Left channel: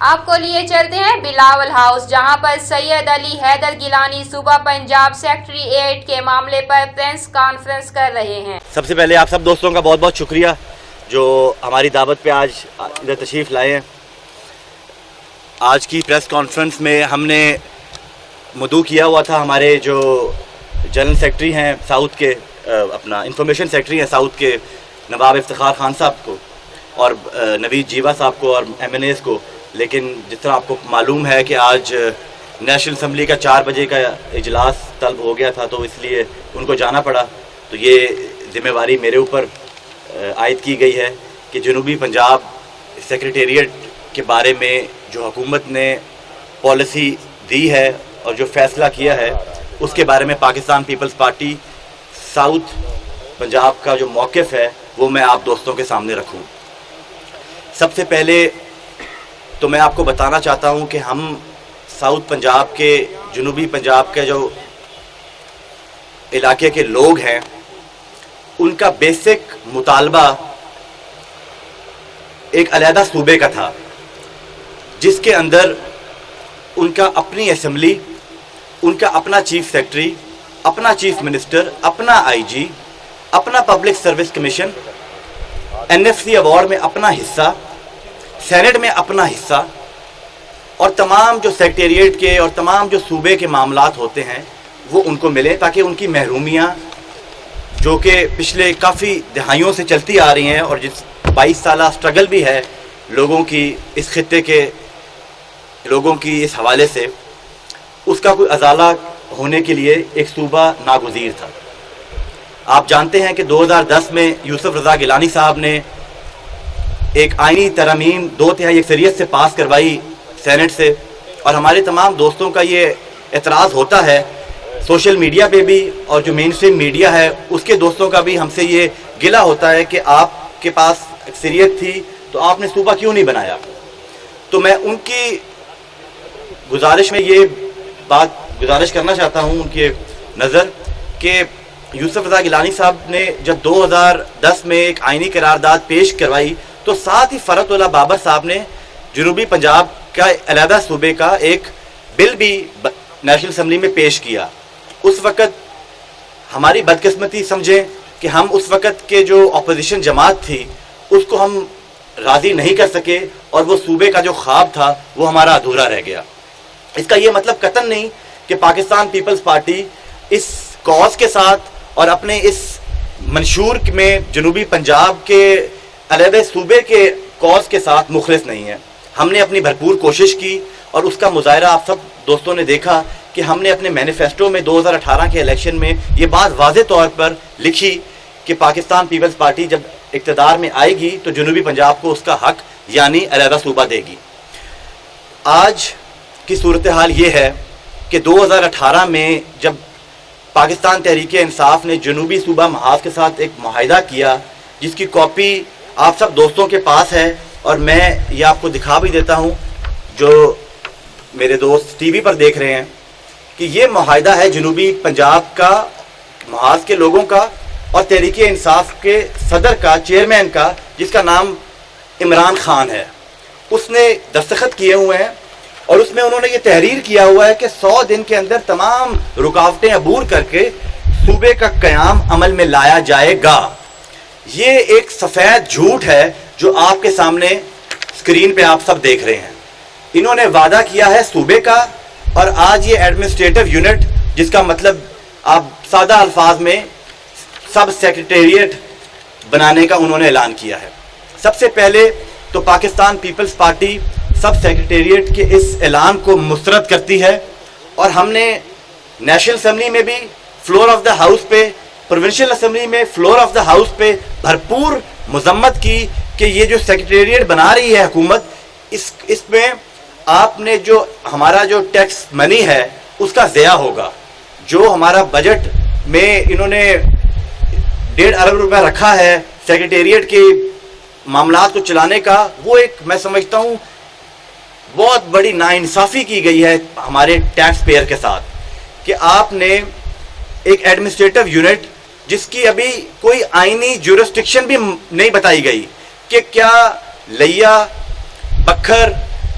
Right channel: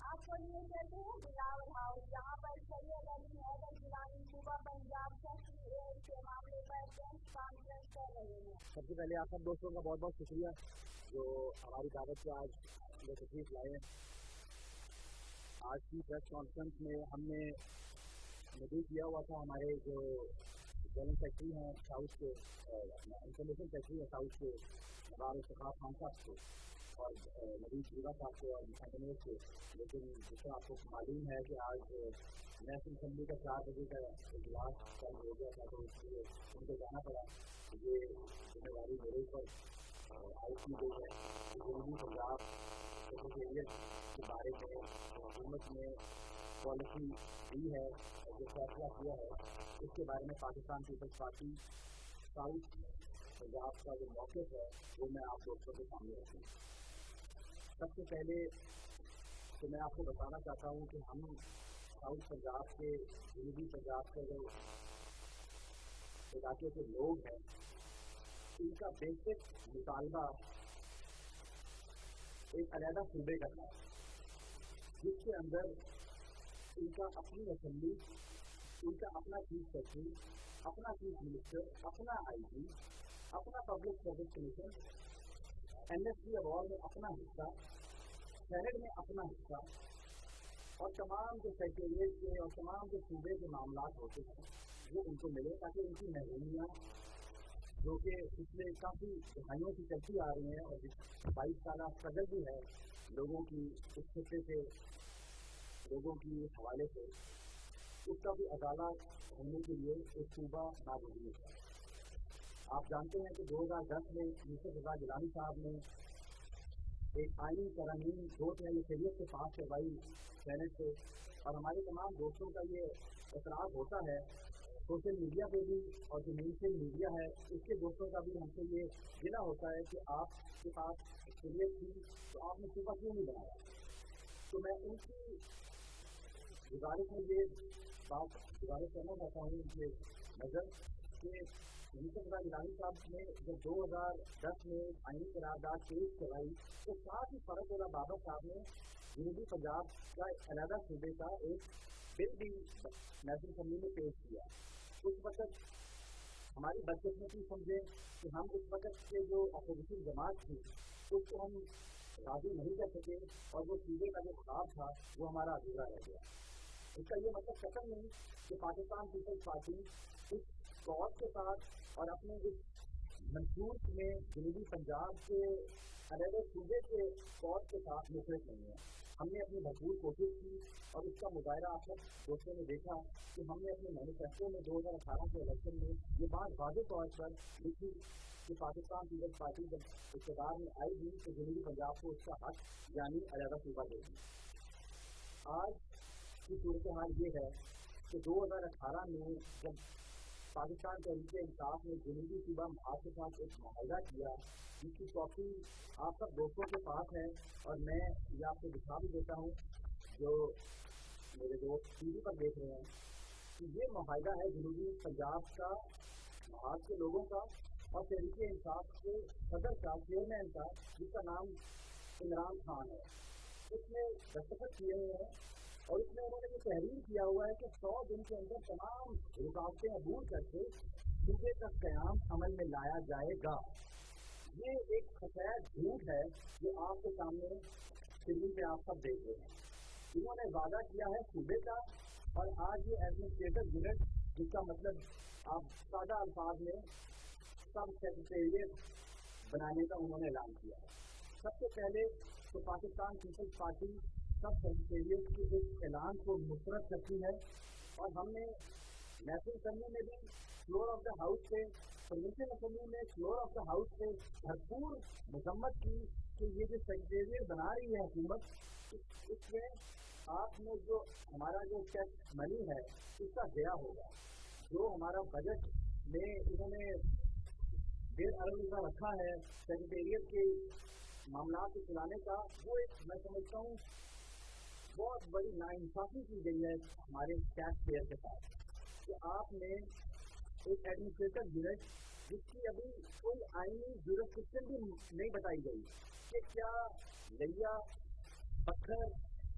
آپ کو لیے چلتے ہیں بلاول ہاؤس، جہاں پر سید علی حیدر گیلانی صوبہ پنجاب سیکریٹریٹ کے معاملے پر پریس کانفرنس کر رہے ہیں۔ سب سے پہلے آپ سب دوستوں کا بہت بہت شکریہ جو ہماری دعوت پہ آج ادھر تشریف لائے ہیں۔ آج کی پریس کانفرنس میں ہم نے مدعو کیا ہوا تھا ہمارے جو جنرل سیکرٹری ہیں ساؤتھ کے، اپنا انفارمیشن سیکرٹری ہیں ساؤتھ کے نواب افتخار خان صاحب کو اور نوید جیوا صاحب کو اور ایم این ایز کو، لیکن جس طرح آپ کو معلوم ہے کہ آج نیشنل اسمبلی کا 4 بجے کا اجلاس طلب ہو گیا تھا، تو اس لیے ان کو جانا پڑا۔ تو یہ ذمہ داری میرے اوپر عائد کی گئی ہے کہ جنوبی پنجاب سیکریٹریٹ کے بارے میں جو حکومت نے پالیسی دی ہے اور جو فیصلہ کیا ہے اس کے بارے میں Pakistan Peoples Party south Punjab کا جو موقف ہے وہ میں آپ دوستوں کے سامنے رکھوں۔ سب سے پہلے تو میں آپ کو بتانا چاہتا ہوں کہ ہم ساؤتھ پنجاب کے، جنوبی پنجاب کے جو علاقے کے لوگ ہیں، ان کا بیسک مطالبہ ایک علیحدہ صوبے کا تھا، جس کے اندر ان کا اپنی اسمبلی، ان کا اپنا چیف سیکرٹری، اپنا چیف منسٹر، اپنا آئی جی، اپنا public service commission, N F C award میں اپنا حصہ، سینٹ میں اپنا حصہ، اور تمام جو سیکریٹریٹ کے اور تمام جو صوبے کے معاملات ہوتے ہیں وہ ان کو ملے، تاکہ ان کی محرومیاں جو کہ پچھلے کافی دہائیوں سے چلتی آ رہی ہیں اور جس 22 سالہ سٹرگل بھی ہے لوگوں کی، اس خطے کے لوگوں کی اس حوالے سے، اس کا کوئی ازالہ ہونے کے لیے ایک صوبہ ناگزیر تھا۔ آپ جانتے ہیں کہ 2010 میں یوسف رضا گیلانی صاحب نے ایک آئینی ترمیم 2/3 اکثریت سے پاس کروائی سینٹ سے، اور ہمارے تمام دوستوں کا یہ اعتراض ہوتا ہے، سوشل میڈیا پہ بھی اور جو مین اسٹریم میڈیا ہے اس کے دوستوں کا بھی ہم سے یہ گلہ ہوتا ہے کہ آپ کے پاس اکثریت تھی تو آپ نے صوبہ کیوں نہیں بنایا۔ تو میں ان کی گزارش میں یہ بات گزارش کرنا چاہتا ہوں ان کی نظر کہ یوسف رضا گیلانی صاحب نے جب 2010 میں ایک آئینی قرارداد پیش کروائی تو ساتھ ہی فرحت اللہ بابر صاحب نے جنوبی پنجاب کا علیحدہ صوبے کا ایک بل بھی نیشنل اسمبلی میں پیش کیا۔ اس وقت ہماری بدقسمتی سمجھیں کہ ہم اس وقت کے جو اپوزیشن جماعت تھی اس کو ہم راضی نہیں کر سکے، اور وہ صوبے کا جو خواب تھا وہ ہمارا ادھورا رہ گیا۔ اس کا یہ مطلب قطعاً نہیں کہ پاکستان پیپلز پارٹی اس کاز کے ساتھ اور اپنے اس منشور میں جنوبی پنجاب کے علیحدہ صوبے کے کاز کے ساتھ مخلص نہیں ہے۔ ہم نے اپنی بھرپور کوشش کی، اور اس کا مظاہرہ آپ سب دوستوں نے دیکھا کہ ہم نے اپنے مینیفیسٹو میں 2018 کے الیکشن میں یہ بات واضح طور پر لکھی کہ پاکستان پیپلز پارٹی جب اقتدار میں آئے گی تو جنوبی پنجاب کو اس کا حق یعنی علیحدہ صوبہ دے گی۔ آج کی صورتحال یہ ہے کہ 2018 میں جب پاکستان تحریک انصاف نے جنوبی صوبہ محاذ کے ساتھ ایک معاہدہ کیا، جس کی کاپی آپ سب دوستوں کے پاس ہے، اور میں یہ آپ کو دکھا بھی دیتا ہوں جو میرے دوست ٹی وی پر دیکھ رہے ہیں، کہ یہ معاہدہ ہے جنوبی پنجاب کا، محاذ کے لوگوں کا اور تحریک انصاف کے صدر کا، چیئرمین کا، جس کا نام عمران خان ہے۔ اس نے دستخط کیے ہوئے ہیں، اور اس میں انہوں نے یہ تحریر کیا ہوا ہے کہ 100 دن کے اندر تمام رکاوٹیں عبور کر کے صوبے کا قیام عمل میں لایا جائے گا۔ یہ ایک سفید جھوٹ ہے جو آپ کے سامنے اسکرین پہ آپ سب دیکھ رہے ہیں۔ انہوں نے وعدہ کیا ہے صوبے کا، اور آج یہ ایڈمنسٹریٹو یونٹ، جس کا مطلب آپ سادہ الفاظ میں سب سیکریٹریٹ بنانے کا انہوں نے اعلان کیا ہے۔ سب سے پہلے تو پاکستان پیپلز پارٹی سب سیکریٹریٹ کے اس اعلان کو مسترد کرتی ہے، اور ہم نے نیشنل اسمبلی میں بھی فلور آف دا ہاؤس پہ، پروونشل اسمبلی میں فلور آف دا ہاؤس پہ بھرپور مذمت کی کہ یہ جو سیکریٹریٹ بنا رہی ہے حکومت، اس میں آپ نے جو ہمارا جو ٹیکس منی ہے اس کا ضیاع ہوگا۔ جو ہمارا بجٹ میں انہوں نے 1.5 ارب روپے رکھا ہے سیکریٹریٹ کے معاملات کو چلانے کا، وہ ایک میں سمجھتا ہوں بہت بڑی ناانصافی کی گئی ہے ہمارے ٹیکس پیئر کے ساتھ، کہ آپ نے ایک ایڈمنسٹریٹو یونٹ جس کی ابھی کوئی آئینی جورسٹکشن بھی نہیں بتائی گئی کہ کیا لیا، بکھر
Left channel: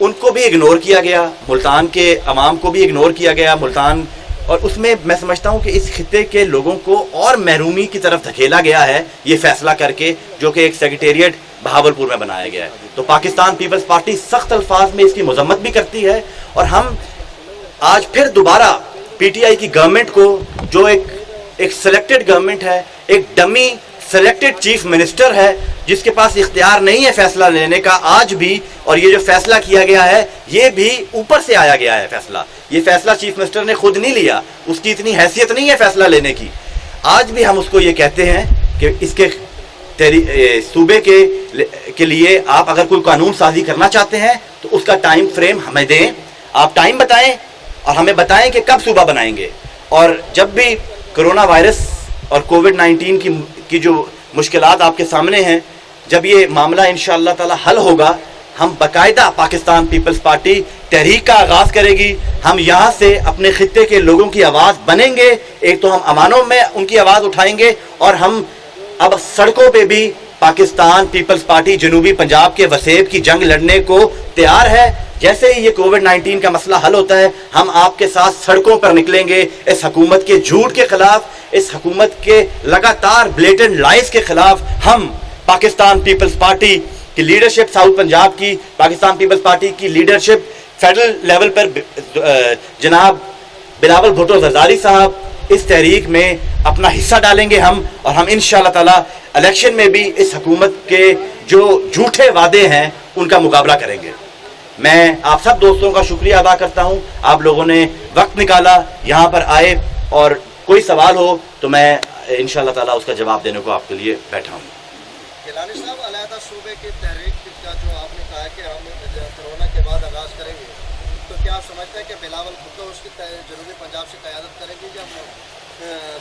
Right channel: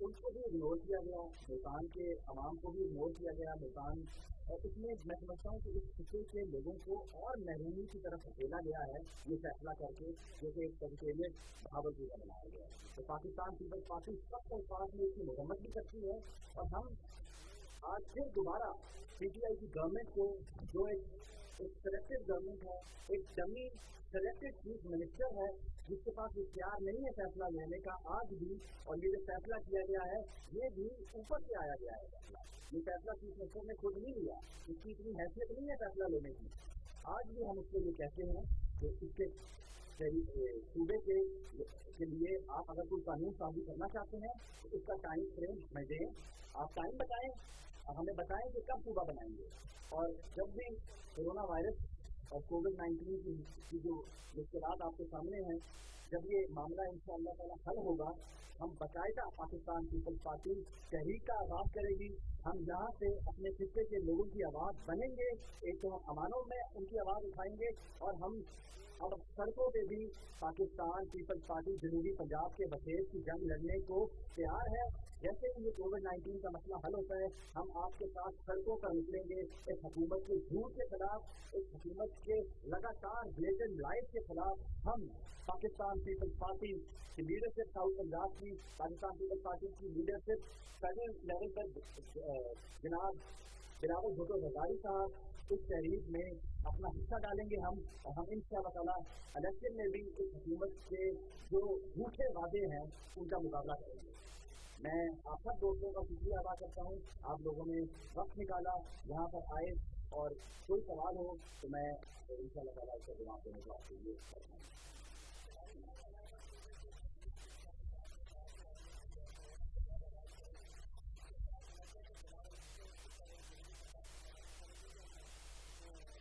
ان کو بھی اگنور کیا گیا, ملتان کے عوام کو بھی اگنور کیا گیا ملتان, اور اس میں میں سمجھتا ہوں کہ اس خطے کے لوگوں کو اور محرومی کی طرف دھکیلا گیا ہے یہ فیصلہ کر کے, جو کہ ایک سیکریٹریٹ بہاولپور میں بنایا گیا ہے. تو پاکستان پیپلز پارٹی سخت الفاظ میں اس کی مذمت بھی کرتی ہے, اور ہم آج پھر دوبارہ پی ٹی آئی کی گورنمنٹ کو, جو ایک سلیکٹڈ گورنمنٹ ہے, ایک ڈمی سلیکٹڈ چیف منسٹر ہے جس کے پاس اختیار نہیں ہے فیصلہ لینے کا آج بھی, اور یہ جو فیصلہ کیا گیا ہے یہ بھی اوپر سے آیا گیا ہے فیصلہ. یہ فیصلہ چیف منسٹر نے خود نہیں لیا, اس کی اتنی حیثیت نہیں ہے فیصلہ لینے کی. آج بھی ہم اس کو یہ کہتے ہیں کہ اس کے صوبے کے لیے آپ اگر کوئی قانون سازی کرنا چاہتے ہیں تو اس کا ٹائم فریم ہمیں دیں, آپ ٹائم بتائیں اور ہمیں بتائیں کہ کب صوبہ بنائیں گے. اور جب بھی کرونا وائرس اور کووڈ-19 کی جو مشکلات آپ کے سامنے ہیں, جب یہ معاملہ انشاءاللہ تعالی حل ہوگا, ہم باقاعدہ پاکستان پیپلز پارٹی تحریک کا آغاز کرے گی. ہم یہاں سے اپنے خطے کے لوگوں کی آواز بنیں گے, ایک تو ہم امانوں میں ان کی آواز اٹھائیں گے, اور ہم اب سڑکوں پہ بھی پاکستان پیپلز پارٹی جنوبی پنجاب کے وسیب کی جنگ لڑنے کو تیار ہے. جیسے ہی یہ کووڈ-19 کا مسئلہ حل ہوتا ہے ہم آپ کے ساتھ سڑکوں پر نکلیں گے اس حکومت کے جھوٹ کے خلاف, اس حکومت کے لگاتار بلیٹنٹ لائز کے خلاف. ہم پاکستان پیپلز پارٹی کی لیڈرشپ, ساؤتھ پنجاب کی پاکستان پیپلز پارٹی کی لیڈرشپ, فیڈرل لیول پر جناب بلاول بھٹو زرداری صاحب اس تحریک میں اپنا حصہ ڈالیں گے ہم, اور ہم انشاءاللہ تعالی الیکشن میں بھی اس حکومت کے جو جھوٹے وعدے ہیں ان کا مقابلہ کریں گے. میں آپ سب دوستوں کا شکریہ ادا کرتا ہوں, آپ لوگوں نے وقت نکالا, یہاں پر آئے, اور کوئی سوال ہو تو میں انشاءاللہ تعالی اس کا جواب دینے کو آپ کے لیے بیٹھا ہوں. گیلانی صاحب, علیحدہ صوبے کی تحریک کا جو آپ نے کہا کہ ہم کرونا کے بعد آغاز کریں گے, تو کیا آپ سمجھتے ہیں کہ بلاول بھٹو اس کی جنوبی پنجاب سے قیادت کریں گے یا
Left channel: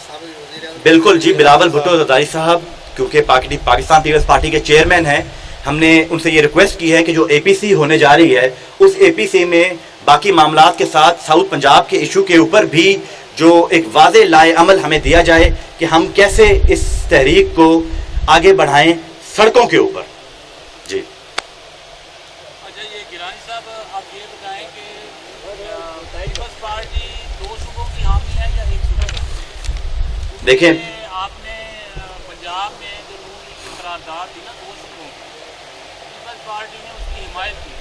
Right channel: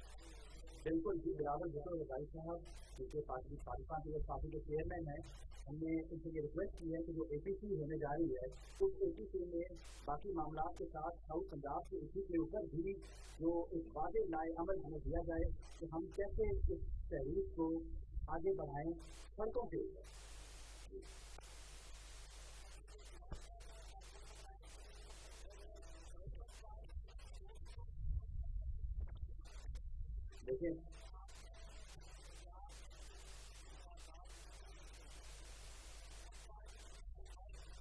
سابق وزیر اعظم؟ بالکل جی, بلاول بھٹو زرداری صاحب کیونکہ پاکستان پیپلز پارٹی کے چیئرمین ہیں, ہم نے ان سے یہ ریکویسٹ کی ہے کہ جو اے پی سی ہونے جا رہی ہے اس اے پی سی میں باقی معاملات کے ساتھ ساؤتھ پنجاب کے ایشو کے اوپر بھی جو ایک واضح لائے عمل ہمیں دیا جائے کہ ہم کیسے اس تحریک کو آگے بڑھائیں سڑکوں کے اوپر. جی اچھا, یہ گیلانی صاحب آپ یہ بتائیں کہ پیپلز پارٹی دو صوبوں کی حامی ہے یا ایک صوبہ؟ دیکھیں, آپ نے پنجاب میں جو نون لیگ کی قرارداد تھی نا دو صوبوں کی, پیپلز پارٹی نے اس کی حمایت کی.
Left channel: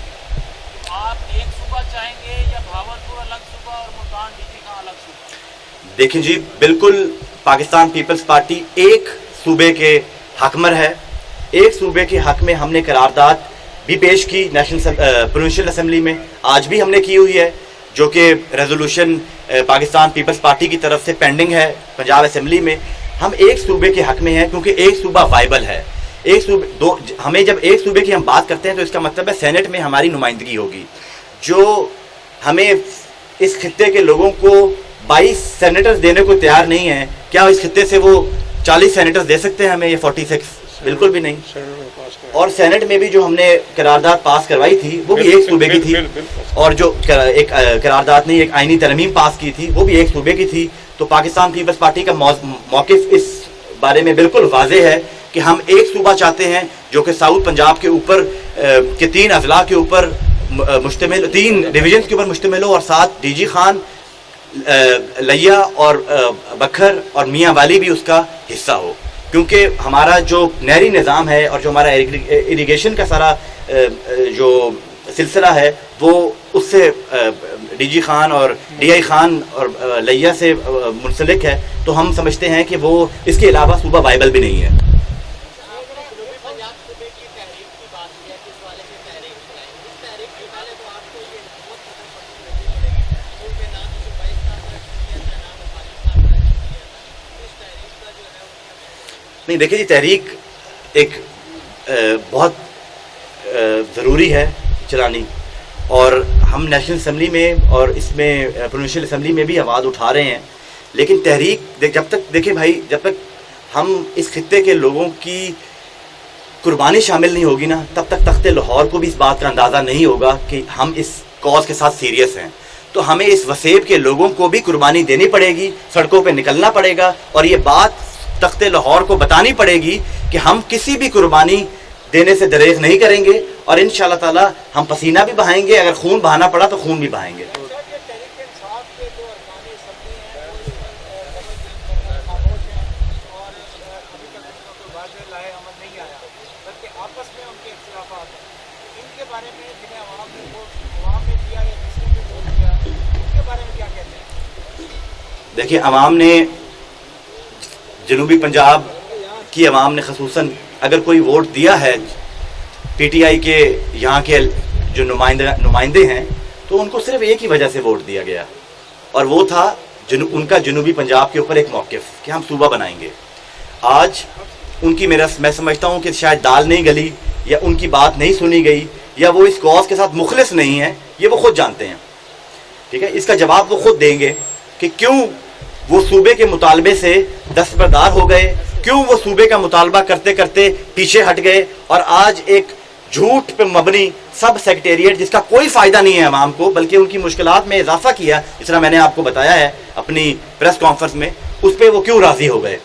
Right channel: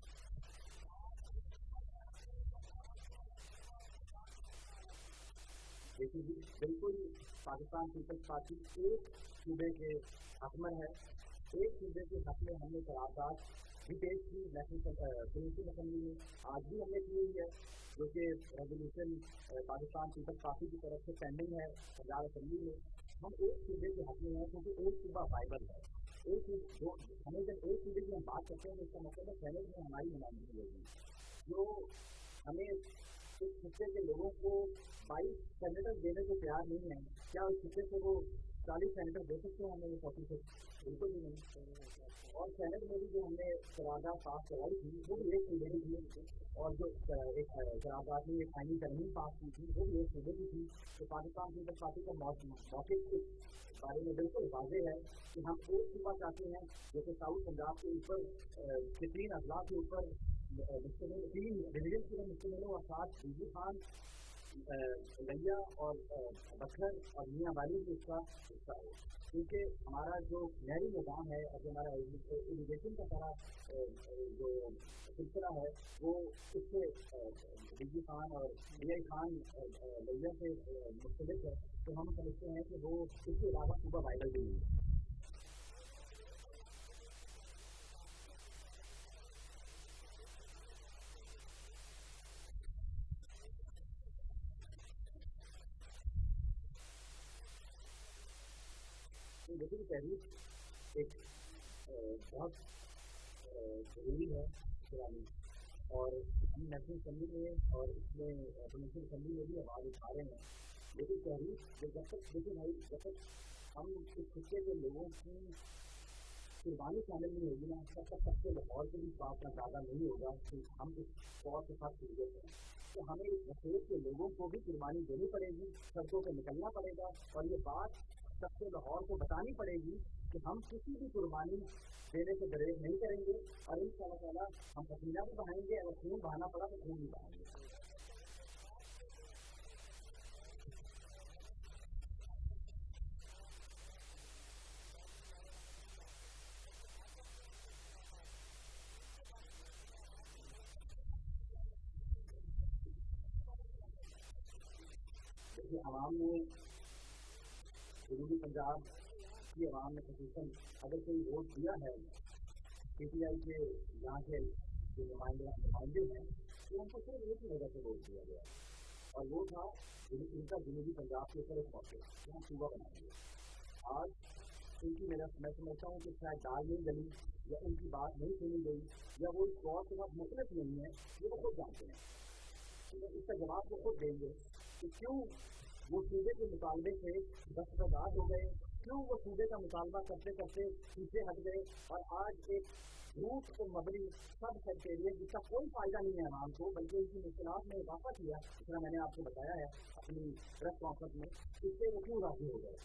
تو آپ ایک صوبہ چاہیں گے یا بہاولپور الگ صوبہ اور ملتان ڈی جی خان الگ صوبہ؟ دیکھیں جی, بالکل پاکستان پیپلز پارٹی ایک صوبے کے حکمر ہے. ایک صوبے کے حق میں ہم نے قرارداد بھی پیش کی نیشنل پروونشل اسمبلی میں, آج بھی ہم نے کی ہوئی ہے, جو کہ ریزولوشن پاکستان پیپلز پارٹی کی طرف سے پینڈنگ ہے پنجاب اسمبلی میں. ہم ایک صوبے کے حق میں ہیں کیونکہ ایک صوبہ وائبل ہے. ایک صوبے ہمیں جب ایک صوبے کی ہم بات کرتے ہیں تو اس کا مطلب ہے سینٹ میں ہماری نمائندگی ہوگی. جو ہمیں اس خطے کے لوگوں کو 22 سینیٹرز دینے کو تیار نہیں ہیں, کیا اس خطے سے وہ 40 سینیٹرز دے سکتے ہیں ہمیں, یہ 46؟ بالکل بھی نہیں. اور سینٹ میں بھی جو ہم نے قرارداد پاس کروائی تھی وہ بھی ایک صوبے کی تھی, اور جو ایک قرارداد نہیں ایک آئینی ترمیم پاس کی تھی وہ بھی ایک صوبے کی تھی. تو پاکستان پیپلز پارٹی کا موقف اس بارے میں بالکل واضح ہے کہ ہم ایک صوبہ چاہتے ہیں جو کہ ساؤتھ پنجاب کے اوپر کے 3 اضلاع کے اوپر مشتمل, 3 ڈویژنز کے اوپر مشتمل ہو, اور ساتھ ڈی جی خان, لیا اور بکھر اور میاں والی بھی اس کا حصہ ہو. کیونکہ ہمارا جو نہری نظام ہے اور جو ہمارا اریگیشن کا سارا جو سلسلہ ہے وہ اس سے ڈی جی خان اور ڈی آئی خان اور لیا سے منسلک ہے. تو ہم سمجھتے ہیں کہ وہ اس کے علاوہ صوبہ وائبل بھی نہیں ہے. نہیں دیکھیں جی, تحریک ایک بہت ضروری ہے چلانی, اور ہم نیشنل اسمبلی میں اور اس میں پروونشل اسمبلی میں بھی آواز اٹھا رہے ہیں. لیکن تحریک جب تک, دیکھیں بھائی, جب تک ہم اس خطے کے لوگوں کی قربانی شامل نہیں ہوگی نا, تب تک تخت لاہور کو بھی اس بات کا اندازہ نہیں ہوگا کہ ہم اس کاز کے ساتھ سیریس ہیں. تو ہمیں اس وسیب کے لوگوں کو بھی قربانی دینی پڑے گی, سڑکوں پہ نکلنا پڑے گا, اور یہ بات تخت لاہور کو بتانی پڑے گی کہ ہم کسی بھی قربانی دینے سے دریغ نہیں کریں گے اور انشاءاللہ تعالی ہم پسینہ بھی بہائیں گے, اگر خون بہانا پڑا تو خون بھی بہائیں گے. دیکھیے, عوام نے, جنوبی پنجاب کی عوام نے خصوصاً اگر کوئی ووٹ دیا ہے پی ٹی آئی کے یہاں کے جو نمائندے ہیں تو ان کو صرف ایک ہی وجہ سے ووٹ دیا گیا, اور وہ تھا ان کا جنوبی پنجاب کے اوپر ایک موقف کہ ہم صوبہ بنائیں گے. آج ان کی میں سمجھتا ہوں کہ شاید دال نہیں گلی یا ان کی بات نہیں سنی گئی یا وہ اس کاز کے ساتھ مخلص نہیں ہیں, یہ وہ خود جانتے ہیں. ٹھیک ہے, اس کا جواب وہ خود دیں گے کہ کیوں وہ صوبے کے مطالبے سے دستبردار ہو گئے, کیوں وہ صوبے کا مطالبہ کرتے کرتے پیچھے ہٹ گئے اور آج ایک جھوٹ پہ مبنی سب سیکریٹریٹ جس کا کوئی فائدہ نہیں ہے عوام کو بلکہ ان کی مشکلات میں اضافہ کیا, جس طرح میں نے آپ کو بتایا ہے اپنی پریس کانفرنس میں, اس پہ وہ کیوں راضی ہو گئے.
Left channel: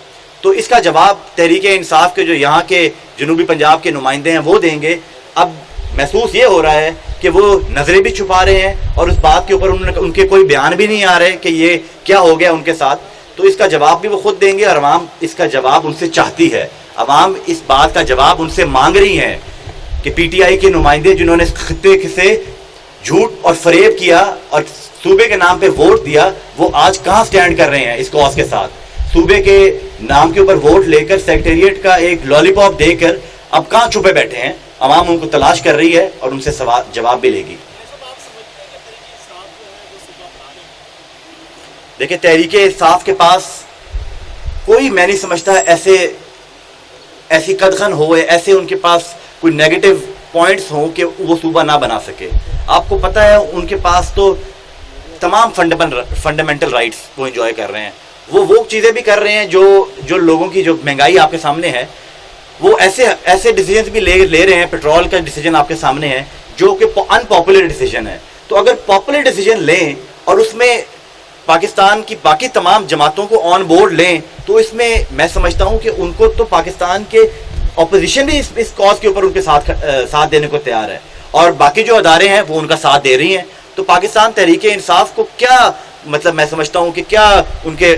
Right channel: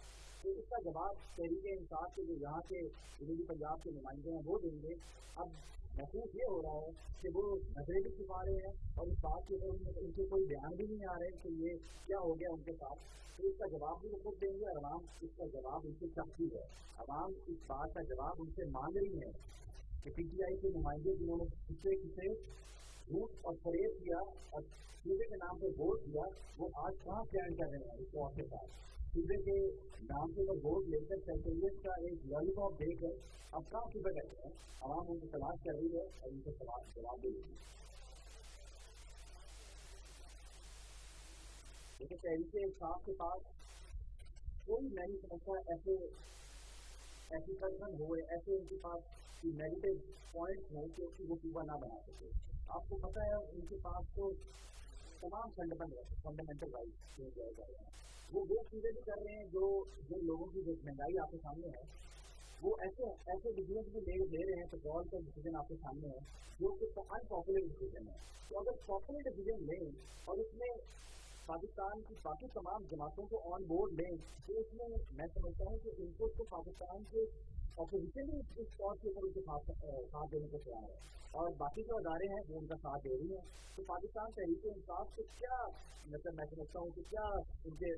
تو اس کا جواب تحریک انصاف کے جو یہاں کے جنوبی پنجاب کے نمائندے ہیں وہ دیں گے. اب محسوس یہ ہو رہا ہے کہ وہ نظریں بھی چھپا رہے ہیں اور اس بات کے اوپر ان کے کوئی بیان بھی نہیں آ رہے کہ یہ کیا ہو گیا ان کے ساتھ. تو اس کا جواب بھی وہ خود دیں گے اور عوام اس کا جواب ان سے چاہتی ہے. عوام اس بات کا جواب ان سے مانگ رہی ہیں کہ پی ٹی آئی کے نمائندے جنہوں نے خطے سے جھوٹ اور فریب کیا اور صوبے کے نام پہ ووٹ دیا, وہ آج کہاں سٹینڈ کر رہے ہیں اس کاز کے ساتھ. صوبے کے نام کے اوپر ووٹ لے کر سیکریٹریٹ کا ایک لالی پاپ دے کر اب کہاں چھپے بیٹھے ہیں. عوام ان کو تلاش کر رہی ہے اور ان سے جواب بھی لے گی. دیکھیں, تحریک انصاف کے پاس کوئی, میں نہیں سمجھتا ایسی قدغن ہو, ایسے ان کے پاس کوئی نیگیٹو پوائنٹس ہوں کہ وہ صوبہ نہ بنا سکے. آپ کو پتہ ہے ان کے پاس تو تمام فنڈامنٹل رائٹس وہ انجوائے کر رہے ہیں. وہ چیزیں بھی کر رہے ہیں جو لوگوں کی جو مہنگائی آپ کے سامنے ہے, وہ ایسے ڈیسیجنز بھی لے رہے ہیں. پیٹرول کا ڈیسیجن آپ کے سامنے ہے جو کہ ان پاپولر ڈیسیجن ہے. تو اگر پاپولر ڈیسیجن لیں اور اس میں پاکستان کی باقی تمام جماعتوں کو آن بورڈ لیں تو اس میں میں سمجھتا ہوں کہ ان کو تو پاکستان کے اپوزیشن بھی اس کاز کے اوپر ان کے ساتھ دینے کو تیار ہے اور باقی جو ادارے ہیں وہ ان کا ساتھ دے رہی ہیں. تو پاکستان تحریک انصاف کو کیا مطلب, میں سمجھتا ہوں کہ کیا ان کے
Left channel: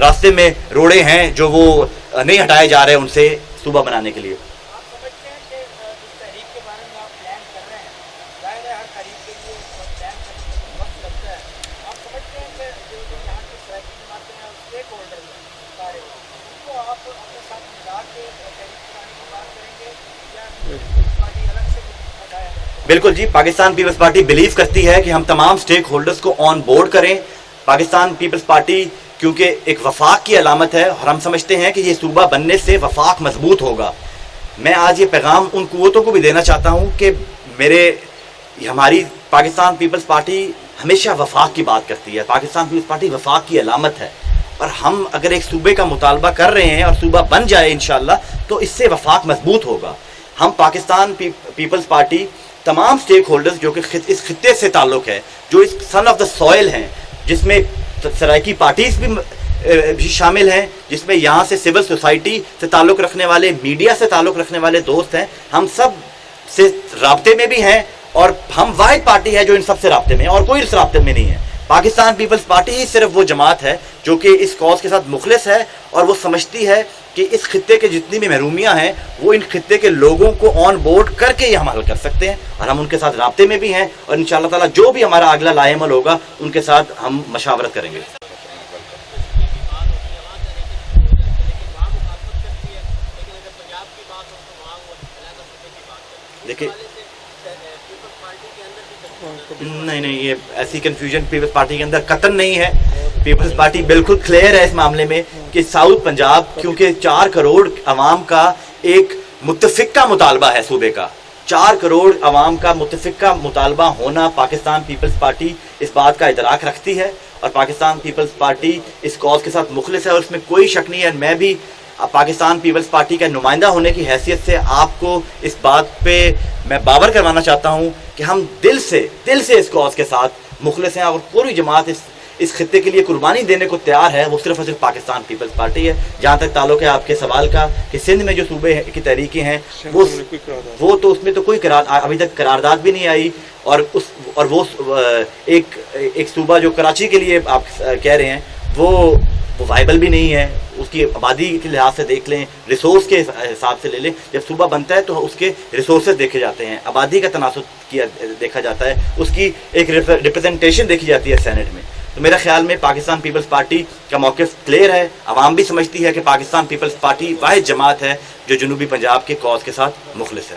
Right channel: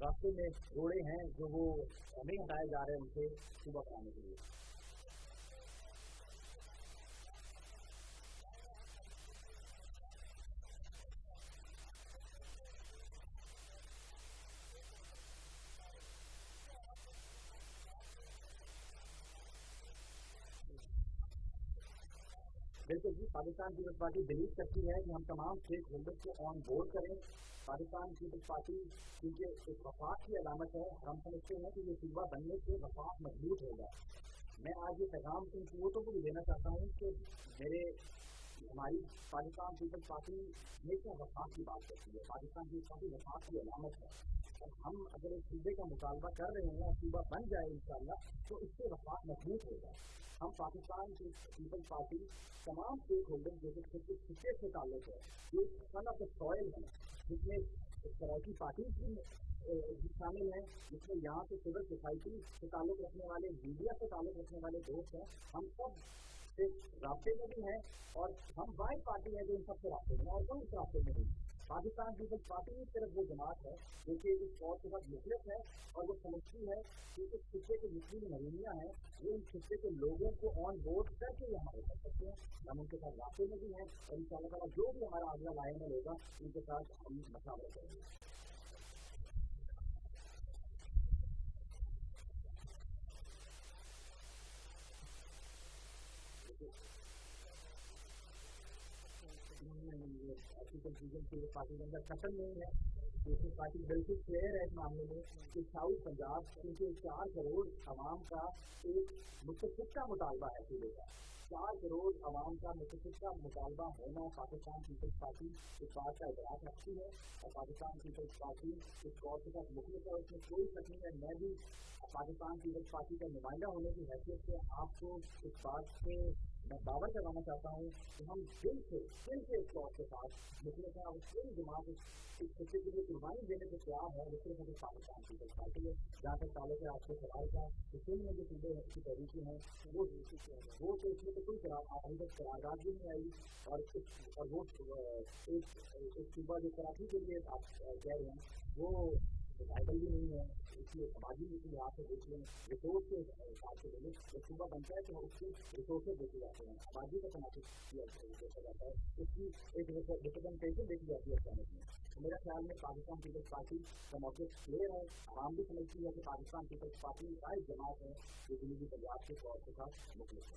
راستے میں روڑے ہیں جو وہ نہیں ہٹائے جا رہے ان سے صوبہ بنانے کے لیے. بالکل جی, پاکستان پیپلز پارٹی بلیو کرتی ہے کہ ہم تمام سٹیک ہولڈرز کو آن بورڈ کریں. پاکستان پیپلز پارٹی کیونکہ ایک وفاق کی علامت ہے اور ہم سمجھتے ہیں کہ یہ صوبہ بننے سے وفاق مضبوط ہوگا. میں آج یہ پیغام ان قوتوں کو بھی دینا چاہتا ہوں کہ ہماری پاکستان پیپلز پارٹی ہمیشہ وفاق کی بات کرتی ہے. پاکستان پیپلز پارٹی وفاق کی علامت ہے اور ہم اگر ایک صوبے کا مطالبہ کر رہے ہیں اور صوبہ بن جائے انشاءاللہ تو اس سے وفاق مضبوط ہوگا. ہم پاکستان پیپلز پارٹی تمام سٹیک ہولڈرز جو کہ اس خطے سے تعلق ہے, جو اس سن آف دا سوئل ہیں, جس میں سرائکی پارٹیز بھی شامل ہیں, جس میں یہاں سے سول سوسائٹی سے تعلق رکھنے والے, میڈیا سے تعلق رکھنے والے دوست ہیں, ہم سب سے رابطے میں بھی ہیں اور ہم واحد پارٹی ہے جو ان سب سے رابطے میں ہے اور کوئی اس رابطے میں نہیں ہے. پاکستان پیپلز پارٹی ہی صرف وہ جماعت ہے جو کہ اس کاز کے ساتھ مخلص ہے اور وہ سمجھتی ہے کہ اس خطے کے جتنی بھی محرومیاں ہیں وہ ان خطے کے لوگوں کو آن بورڈ کر کے یہ ہم حل کر سکتے ہیں اور ہم ان کے ساتھ رابطے میں بھی ہیں اور انشاءاللہ تعالیٰ جو بھی ہمارا اگلا لائے عمل ہوگا ان کے ساتھ ہم مشاورت کریں گے. دیکھیں, نہیں, یہ ایسی کنفیوژن پیپلز پارٹی کے اندر قطعاً نہیں ہے. پیپلز پارٹی بالکل کلیئر ہے اس معاملے میں کہ ساؤتھ پنجاب کیونکہ 4 کروڑ عوام کا ایک متفقہ مطالبہ ہے صوبے کا, 4 کروڑ عوام کا متفقہ مطالبہ ہونا پاکستان پیپلز پارٹی اس بات کا ادراک رکھتی ہے اور پاکستان پیپلز پارٹی اس کاز کے ساتھ مخلص ہے اور اس میں کوئی شک نہیں ہے. میں بھی پاکستان پیپلز پارٹی کا نمائندہ ہونے کی حیثیت سے آپ کو اس بات پہ میں باور کروانا چاہتا ہوں کہ ہم دل سے اس کاز کے ساتھ مخلص ہیں اور کوئی جماعت اس خطے کے لیے قربانی دینے کو تیار ہے وہ صرف اور صرف پاکستان پیپلز پارٹی ہے. جہاں تک تعلق ہے آپ کے سوال کا کہ سندھ میں جو صوبے کی تحریکیں ہیں وہ تو اس میں تو کوئی ابھی تک قرارداد بھی نہیں آئی, اور وہ ایک صوبہ جو کراچی کے لیے آپ کہہ رہے ہیں وہ وائبل بھی نہیں ہے. اس کی آبادی کے لحاظ سے دیکھ لیں, ریسورس کے حساب سے لے لیں. جب صوبہ بنتا ہے تو اس کے ریسورسز دیکھے جاتے ہیں, آبادی کا تناسب دیکھا جاتا ہے, اس کی ایک ریپرزنٹیشن دیکھی جاتی ہے سینٹ میں. تو میرا خیال میں پاکستان پیپلز پارٹی کا موقف کلیئر ہے. عوام بھی سمجھتی ہے کہ پاکستان پیپلز پارٹی واحد جماعت ہے جو جنوبی پنجاب کے کاز کے ساتھ مخلص ہے.